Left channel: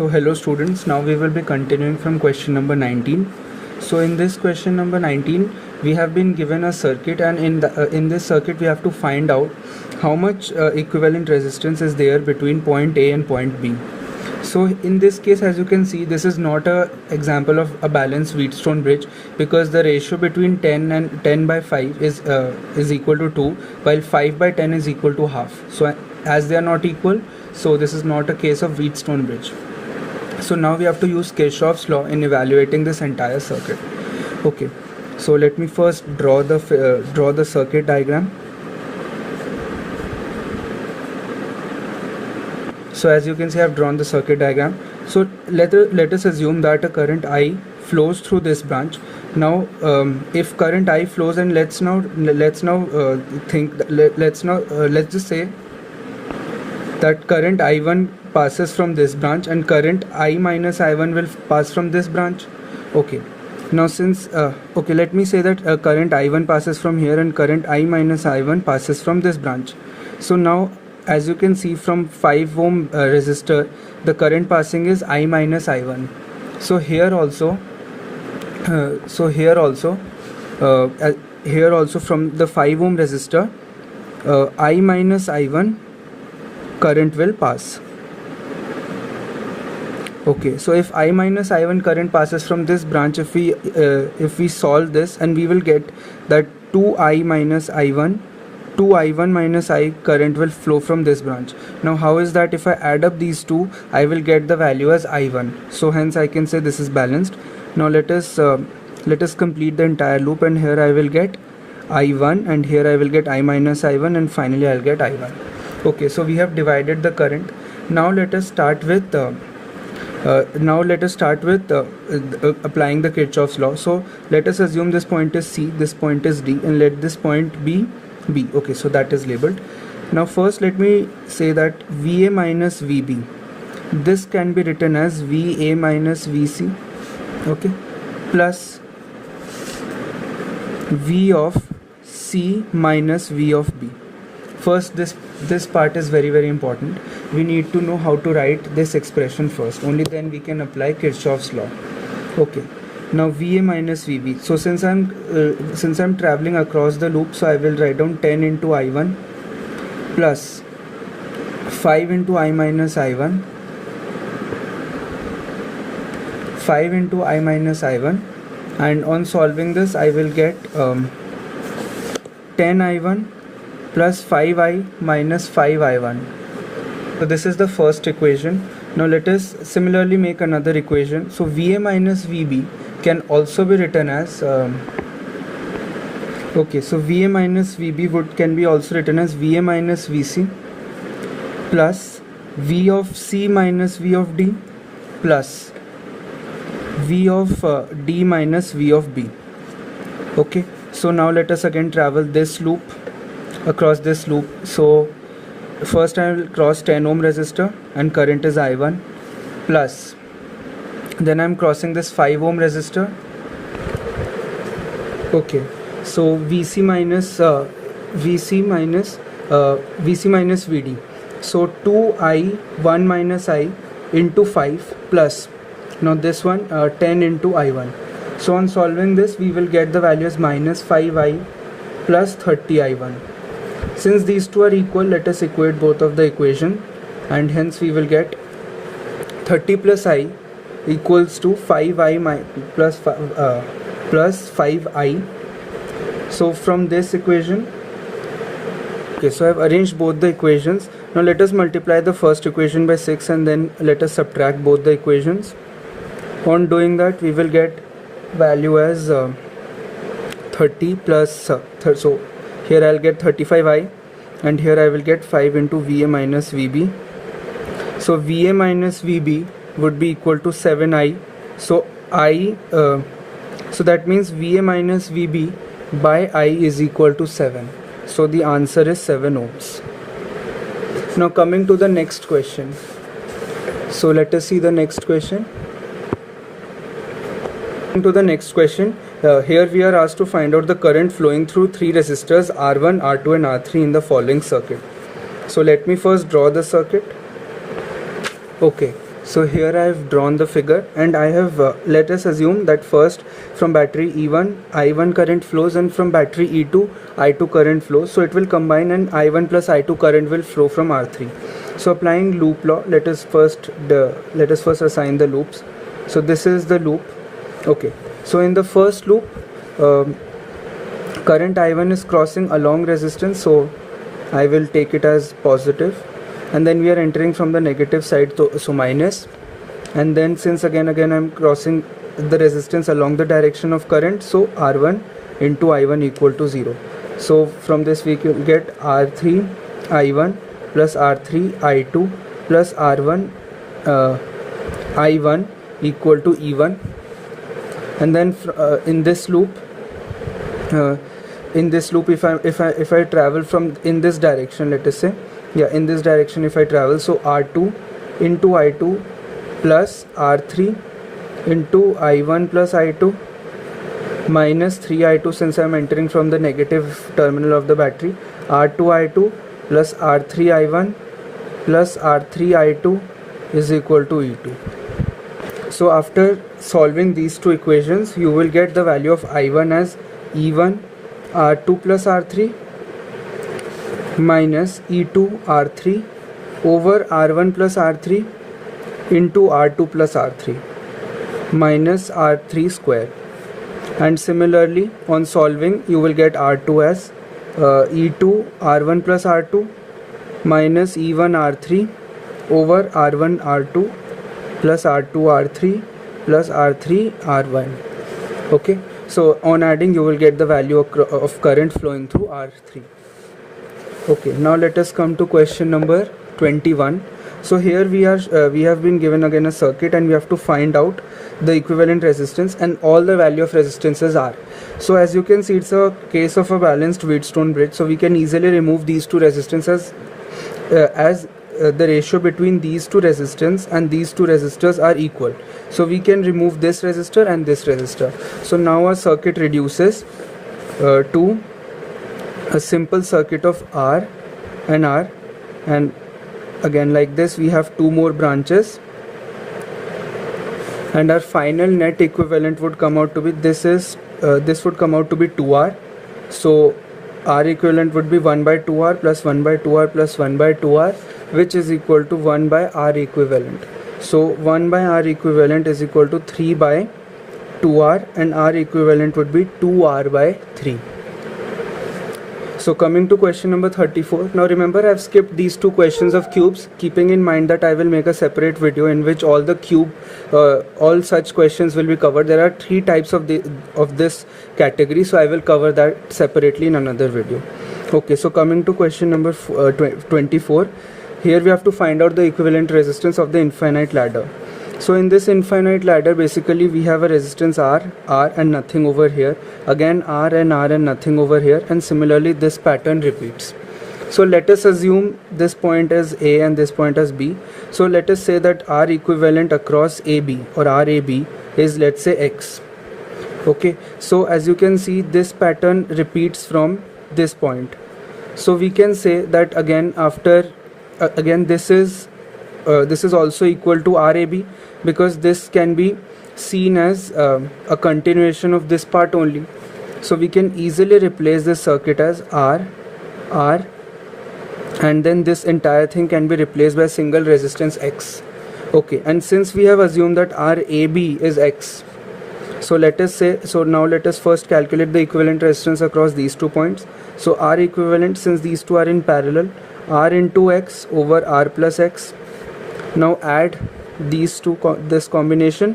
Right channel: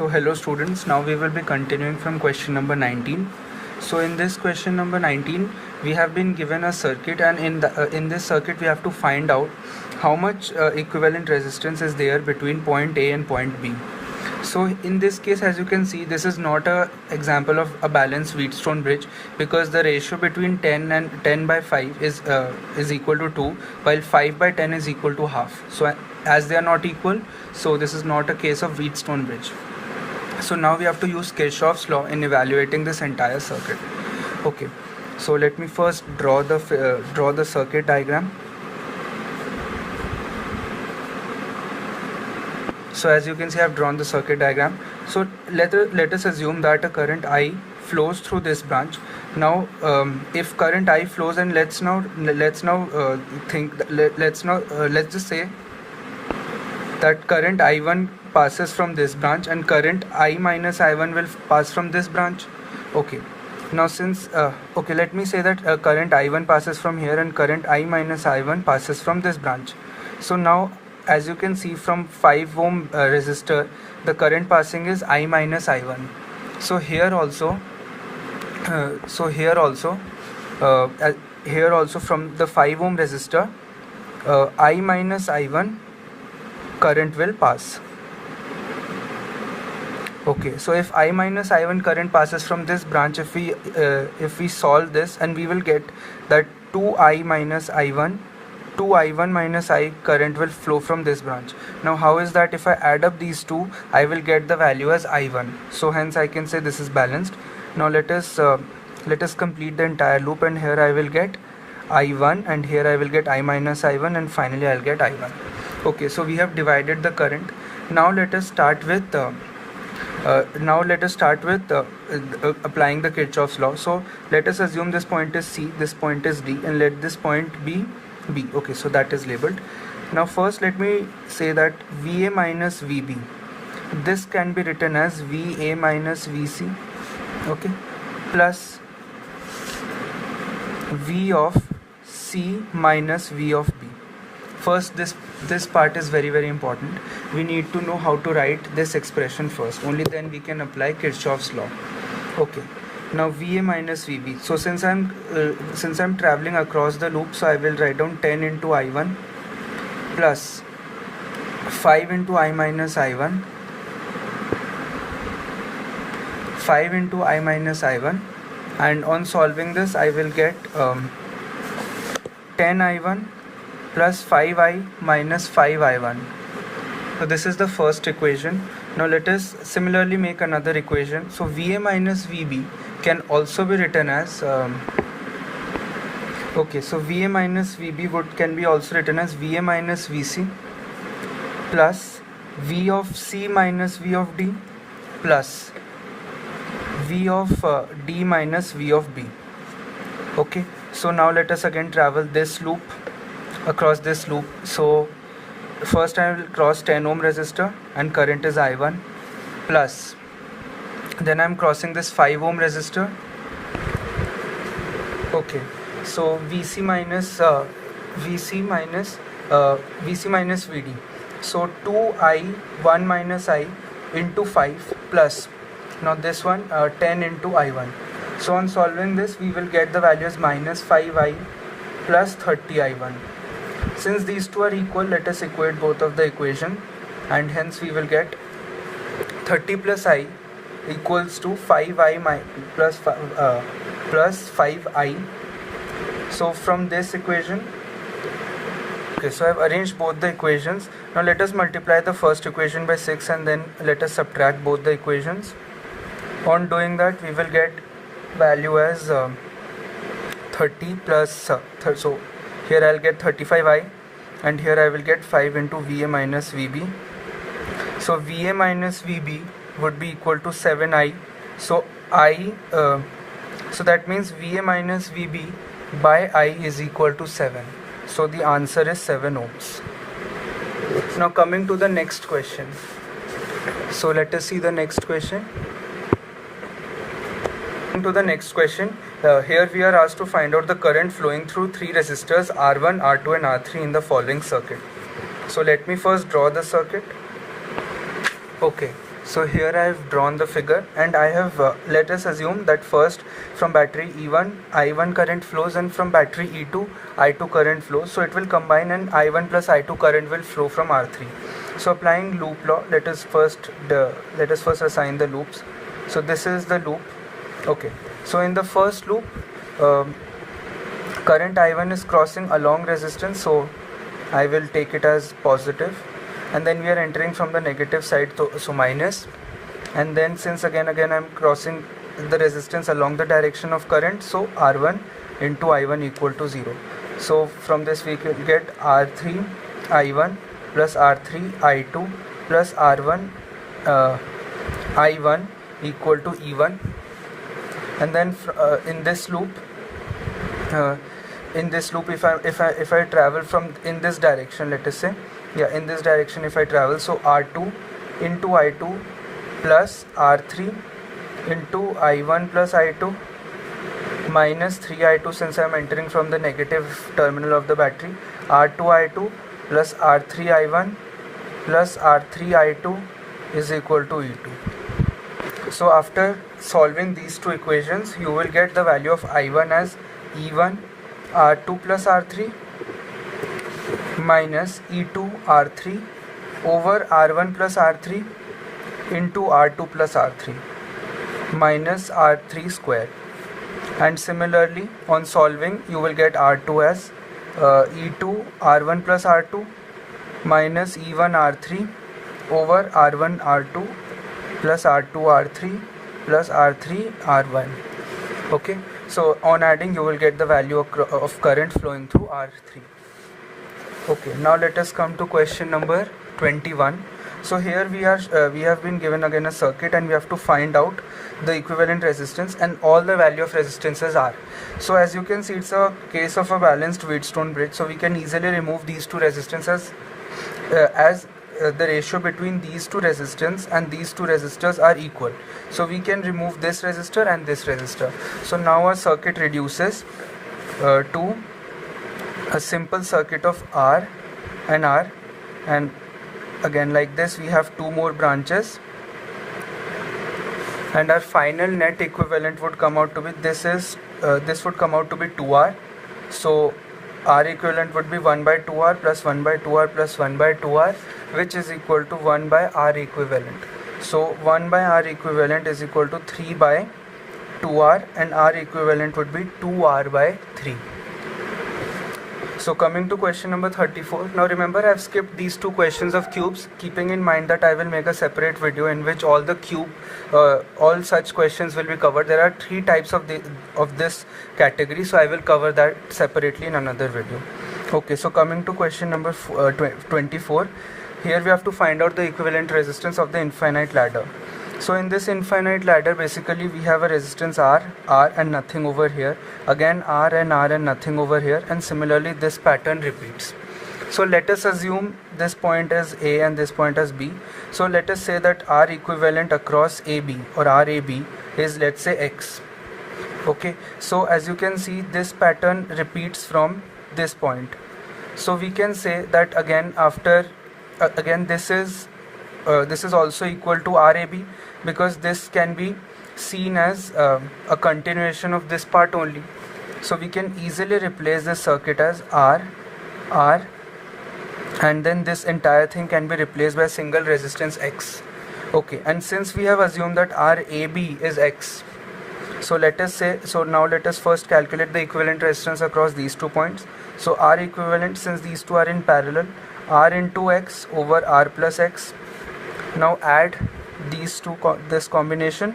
So hello students, now we will be continuing from question number 19. So in this question number 19 we have been given a circuit, and in this circuit we have to find out how much equivalent resistance is there between point A and point B. So in this case, as you can see, this is not a example of a balanced Wheatstone bridge, because the ratio between 10 by 5 is equal to 2, while 5 by 10 is equal to half. So as they are not equal, so this is not a case of Wheatstone bridge. So now we have to use Kirchhoff's law in evaluating this entire circuit. Okay, so let me first draw the circuit diagram. So as you can see, I have drawn the circuit diagram. So let us assume that a current I flows through this branch. Now if current I flows, and let's just say that current I1 passes from this branch and current I minus I1 will pass from this branch. Okay, now since let me say that current I1 passes from here and current I minus I1 passes from this branch. So now as you can see, from 5 ohm resistor the current passing is I minus I1. So here also from the 5 ohm resistor I minus I1 current will pass. Okay, so if I minus I1 current passes from this branch, if we solve this, and we will get that 2I minus I1, 2I1 minus I current will flow from this branch. Now how is that? If I add up these two, I will get the value as I1. So hence I can say this is balanced. Now let us complete the entire loop, and here I will get I1, and here I will get I minus I1, and finally I will get I1. Okay, so we have divided the current. Now let us start with applying the Kirchhoff's law. So let us assume this point is C, this point is D, and let this point be B. Okay, so that is labeled. Now first let me say that VA minus VB, this can be written as VA minus VC, okay, plus V of C minus V of B. First, this part is very, very important. We need to know how to write this expression first. Only then we can apply Kirchhoff's law. Okay. Now VA minus VB. So since I'm traveling across the loop, so I will write down 10 into I1 plus 5 into I minus I1, 5 into I minus I1, and on solving this I will get 10 I1 plus 5I minus 5I1. So this is the first equation. Now let us similarly make another equation. So VA minus VB can also be written as so VA minus VB can be also written as VA minus VC plus V of C minus V of D plus V of D minus V of B. Okay, so now let us again travel this loop, across this loop. So first I will cross 10 ohm resistor and current is I1, plus then I am crossing this 5 ohm resistor. Okay, so VC minus VD. So 2I1 minus I into 5 plus, now this one 10 into I1. So on solving this we will get the value as minus 5I plus 30I1. Since these two are equal, let us equate both of the equation, and hence we will get 30 plus I equals to 5I plus 5I. So from this equation, okay, so I have arranged both the equations. Now let us multiply the first equation by 6, and then let us subtract both the equations. On doing that, we will get value as 30 plus so here I will get 35I, and here I will get 5 into VA minus VB. So VA minus VB would be equal to 7I. So so that means VA minus VB by I is equal to 7. So the answer is 7 ohms. Now coming to the next question. So let us see the next question. To the next question, here we are asked to find out the current flowing through 3 resistors R1, R2 and R3 in the following circuit. So let me first draw the circuit. Okay, So here I have drawn the figure, and I have let us assume that first from battery E1 I1 current flows, and from battery E2 I2 current flows. So it will combine, and I1 plus I2 current will flow from R3. So applying loop law, let us first assign the loops. So this is the loop. Okay, so in the first loop, current I1 is crossing along resistance, so I will take it as positive, and then we are entering from the negative side, so minus, and then since again I'm crossing the resistance along the direction of current, so R1 into I1 equal to 0. So from this we can get R3 I1 plus R3 I2 plus R1 I1 equal to E1, and then in this loop if I travel from in this direction, let us say, in this direction if I travel, so R2 into I2 plus R3 into I1 plus I2 minus 3I2, since I am entering from the negative terminal of the battery, R2 I2 plus R3 I1 plus R3 I2 is equal to E2. So after solving these two equations, you will get the value of I1 as E1 R2 plus R3 minus E2 R3 over R1 plus R3 into R2 plus R3 minus R3 square. And similarly, on solving, you will get R2 as E2 R1 plus R2 minus E1 R3 over R1 R2 plus R2 R3 plus R3 R1. Okay, so on adding you will get the value of current flowing through R3. Okay, now let us come to question number 21. So here we have been given again a circuit, and we have to find out the equivalent resistance and all the value of resistances are. So as you can see, it's a case of a balanced Wheatstone bridge, so we can easily remove these two resistances as the ratio between these two resistance and these two resistors are equal. So we can remove this resistor and this resistor. So now our circuit reduces to a simple circuit of R, and again like this we have two more branches, and our final net equivalent would come out to be this would come out to be 2R. So R equivalent would be 1 by 2R plus 1 by 2R plus 1 by 2R, which is equal to 1 by R equivalent. So 1 by R equivalent is equal to 3 by 2R, and R equivalent would be 2R by 3. So coming to question number 34. Now remember, I have skipped these two questions of cubes, keeping in mind that I will make a separate video in which all such questions will be covered. There are three types of this category, so I will cover that separately in another video. Okay, so coming to question number 24. Here we have to find out the equivalent resistance of the infinite ladder. So in this infinite ladder, basically we have a resistance R and nothing over here, again R and nothing over here, and similarly this pattern repeats. So let us assume this point as A and this point as B. So let us say that R equivalent across AB or RAB is, let's say, X. Okay, so as you can see, this pattern repeats from this point. So we can say that again this is also equal to RAB, because this can be seen as a continuation of this part only. So we can easily replace this circuit as R, and then this entire thing can be replaced by single resistance X. Okay, and since we have assumed that RAB is X, so let us first calculate the equivalent resistance across these 2 points. So R equivalent, since these two are in parallel, R into X over R plus X. Now add these two, this combination,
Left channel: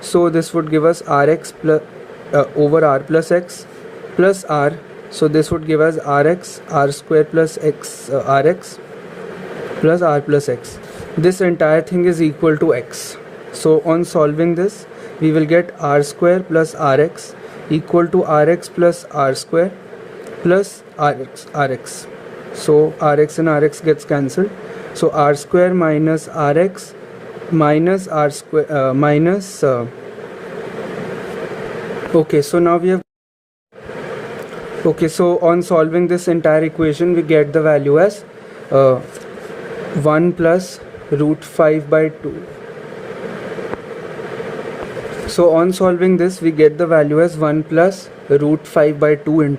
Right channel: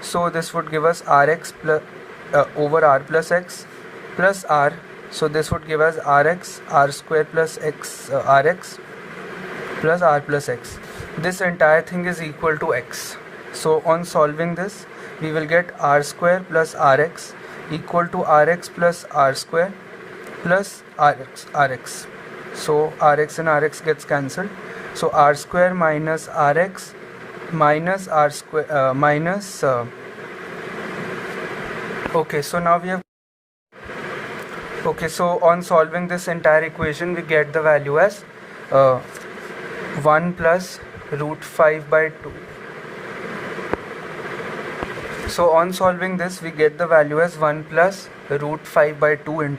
so this would give us Rx plus over R plus X plus R. So this would give us Rx, R square plus X, Rx plus R plus X. This entire thing is equal to X. So on solving this, we will get R square plus Rx equal to Rx plus R square plus Rx. So Rx and Rx gets cancelled. So R square minus Rx minus R square okay, so now we have so on solving this entire equation, we get the value as 1 plus root 5 by 2 So on solving this, we get the value as 1 plus root 5 by 2 into